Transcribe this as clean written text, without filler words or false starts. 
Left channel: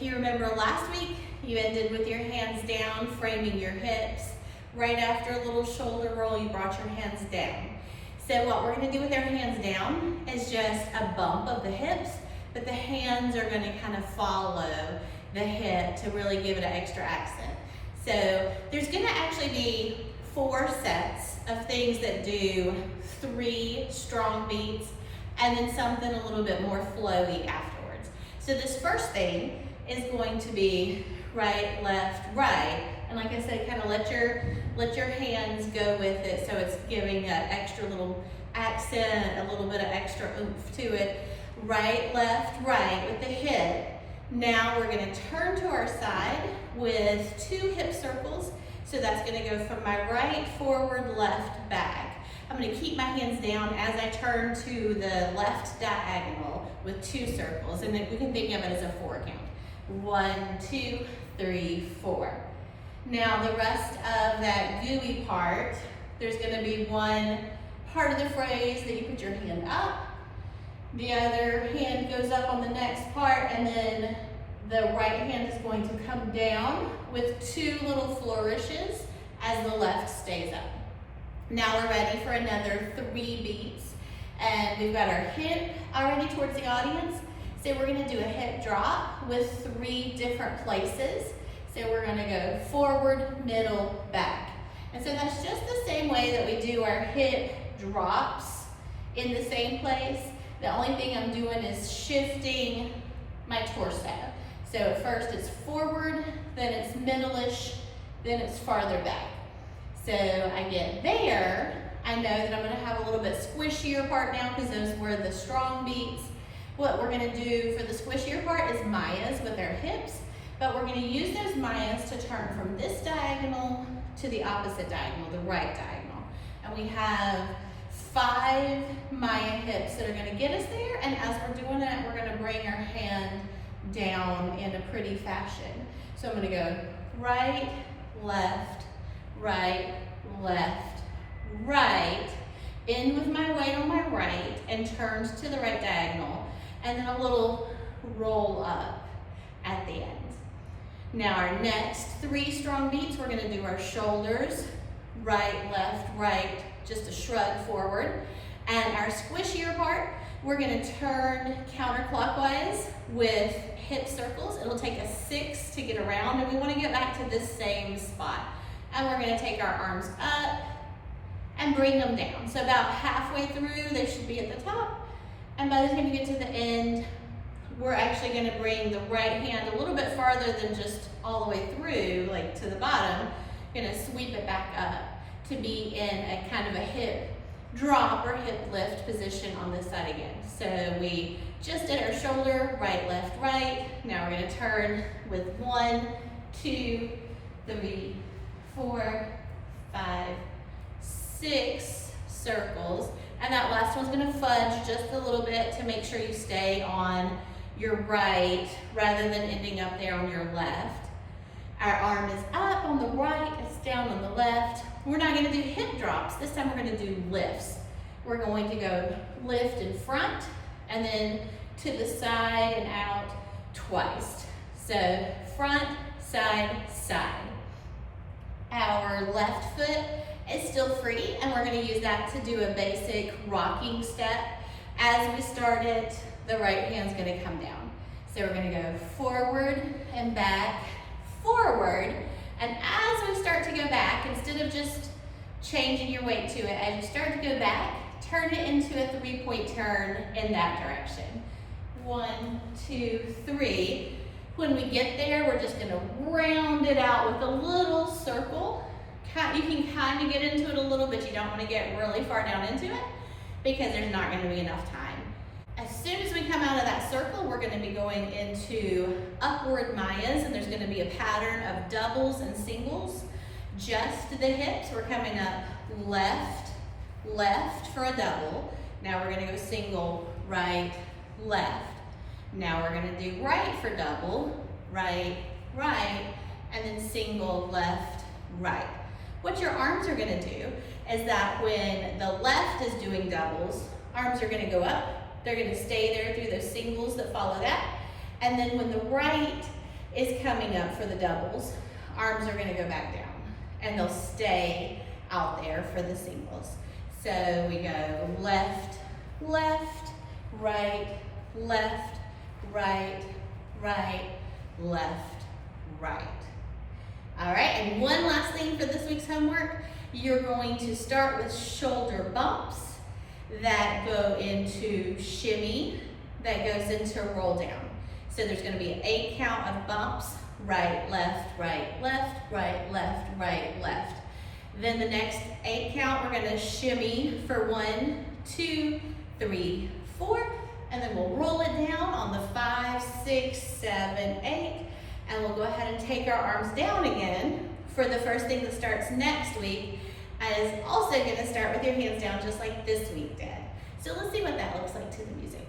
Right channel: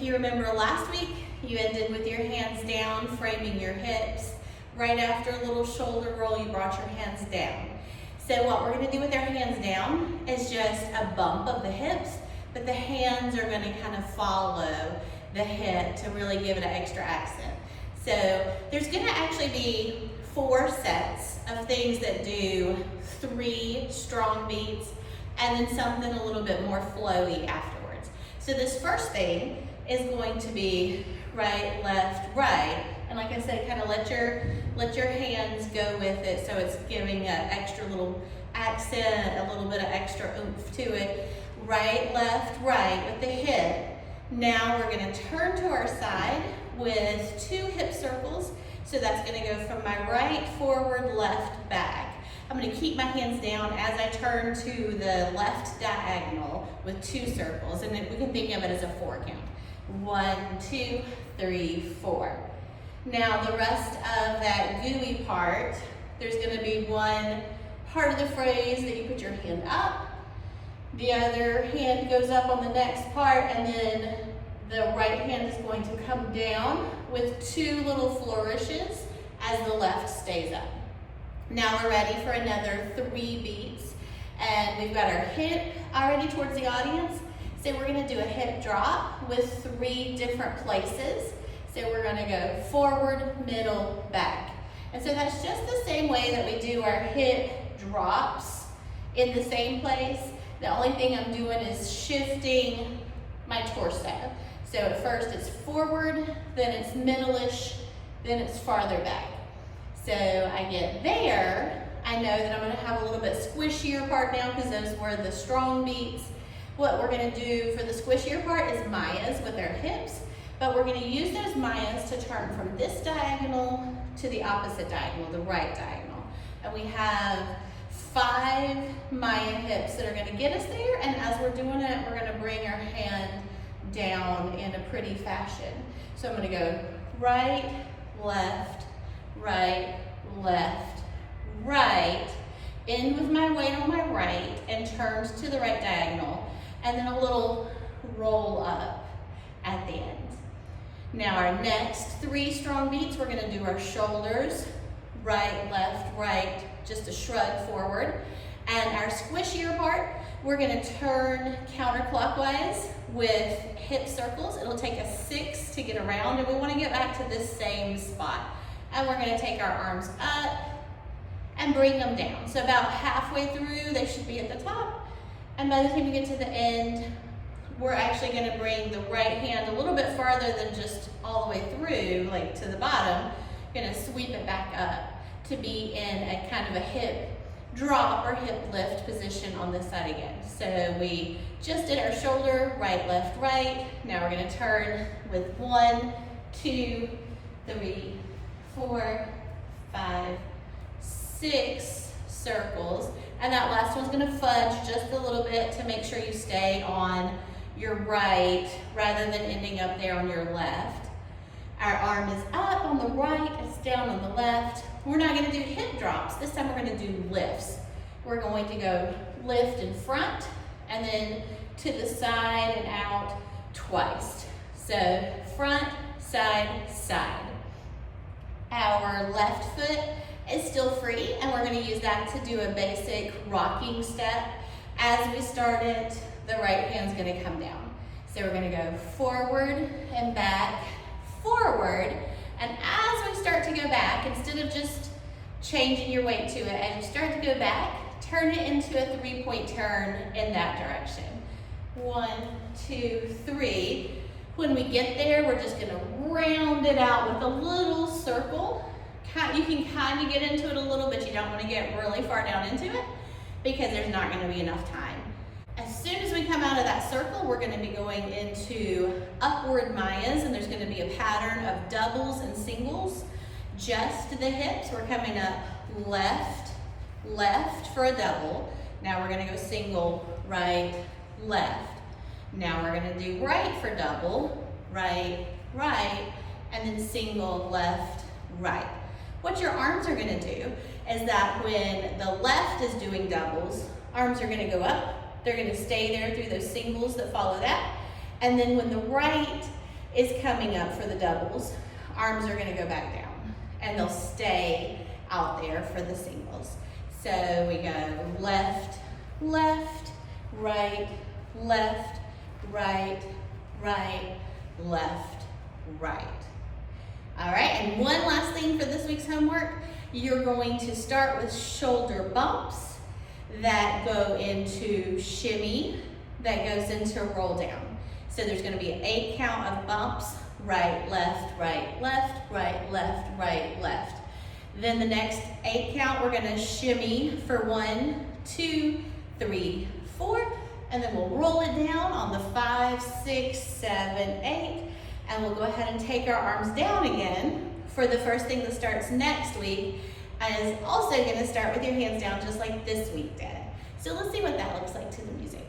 If you remember last week, you ended with your hands down, framing your hips. Right after a little shoulder roll, you brought your hands down. So what we're gonna do with our hands down is just a bump of the hips, but the hands are gonna kind of follow the hip to really give it an extra accent. So there's gonna actually be 4 sets of things that do 3 strong beats and then something a little bit more flowy afterwards. So this first thing is going to be right, left, right. And like I said, kind of let your hands go with it so it's giving an extra little accent, a little bit of extra oomph to it. Right, left, right with the hip. Now we're gonna turn to our side with 2 hip circles. So that's gonna go from my right, forward, left, back. I'm gonna keep my hands down as I turn to the left diagonal with 2 circles. And then we can think of it as a 4 count. 1, 2, 3, 4. Now the rest of that gooey part, there's gonna be one part of the phrase that you put your hand up, the other hand goes up on the next part, and then the right hand is going to come down with 2 little flourishes as the left stays up. Now we're ready for another 3 beats, and we've got our hip already towards the audience. So we're gonna do a hip drop with 3 different places. So we're gonna go forward, middle, back. And so that's just the same way that we do our hip drops in the same place. The only thing I'm doing is shifting my torso. So at first it's forward, then it's middle-ish, then it's farther back. So I get there, I know that I'm gonna have a little bit squishier part now because those were the strong beats. What we're gonna do for the squishier part is Mayas with our hips, but we're gonna use those Mayas to turn from this diagonal to the opposite diagonal, the right diagonal. And we have 5 Maya hips that are gonna get us there, and as we're doing it, we're gonna bring our hand down in a pretty fashion. So I'm gonna go right, left, right, left, right, in with my weight on my right, and turns to the right diagonal, and then a little roll up at the end. Now our next 3 strong beats, we're gonna do our shoulders, right, left, right, just a shrug forward. And our squishier part, we're gonna turn counterclockwise with hip circles. It'll take us 6 to get around, and we wanna get back to this same spot. And we're gonna take our arms up and bring them down. So about halfway through, they should be at the top. And by the time you get to the end, we're actually gonna bring the right hand a little bit farther than just all the way through, like to the bottom. Gonna sweep it back up to be in a kind of a hip drop or hip lift position on this side again. So we just did our shoulder, right, left, right. Now we're gonna turn with 1, 2, 3, 4, 5, 6 circles. And that last one's gonna fudge just a little bit to make sure you stay on your right rather than ending up there on your left. Our arm is up on the right, it's down on the left. We're not gonna do hip drops. This time we're gonna do lifts. We're going to go lift in front and then to the side and out twice. So front, side, side. Our left foot is still free, and we're gonna use that to do a basic rocking step. As we start it, the right hand's gonna come down. So we're gonna go forward and back, forward, and as we start to go back, instead of just changing your weight to it, as you start to go back, turn it into a 3-point turn in that direction. 1, 2, 3. When we get there, we're just gonna round it out with a little circle. You can kind of get into it a little, but you don't want to get really far down into it because there's not going to be enough time. As soon as we come out of that circle, we're going to be going into upward Mayas, and there's going to be a pattern of doubles and singles. Just the hips. We're coming up left, left for a double. Now we're going to go single, right, left. Now we're going to do right for double, right, right, and then single, left, right. What your arms are gonna do is that when the left is doing doubles, arms are gonna go up, they're gonna stay there through those singles that follow that, and then when the right is coming up for the doubles. Arms are gonna go back down and they'll stay out there for the singles. So we go left, left, right, left, right, right, left, right. All right, and one last thing for this week's homework. You're going to start with shoulder bumps that go into shimmy, that goes into roll down. So there's gonna be an 8 count of bumps, right, left, right, left, right, left, right, left. Then the next 8 count, we're gonna shimmy for 1, 2, 3, 4, and then we'll roll it down on the 5, 6, 7, 8, and we'll go ahead and take our arms down again for the first thing that starts next week, and is also gonna start with your hands down just like this week did. So let's see what that looks like to the music.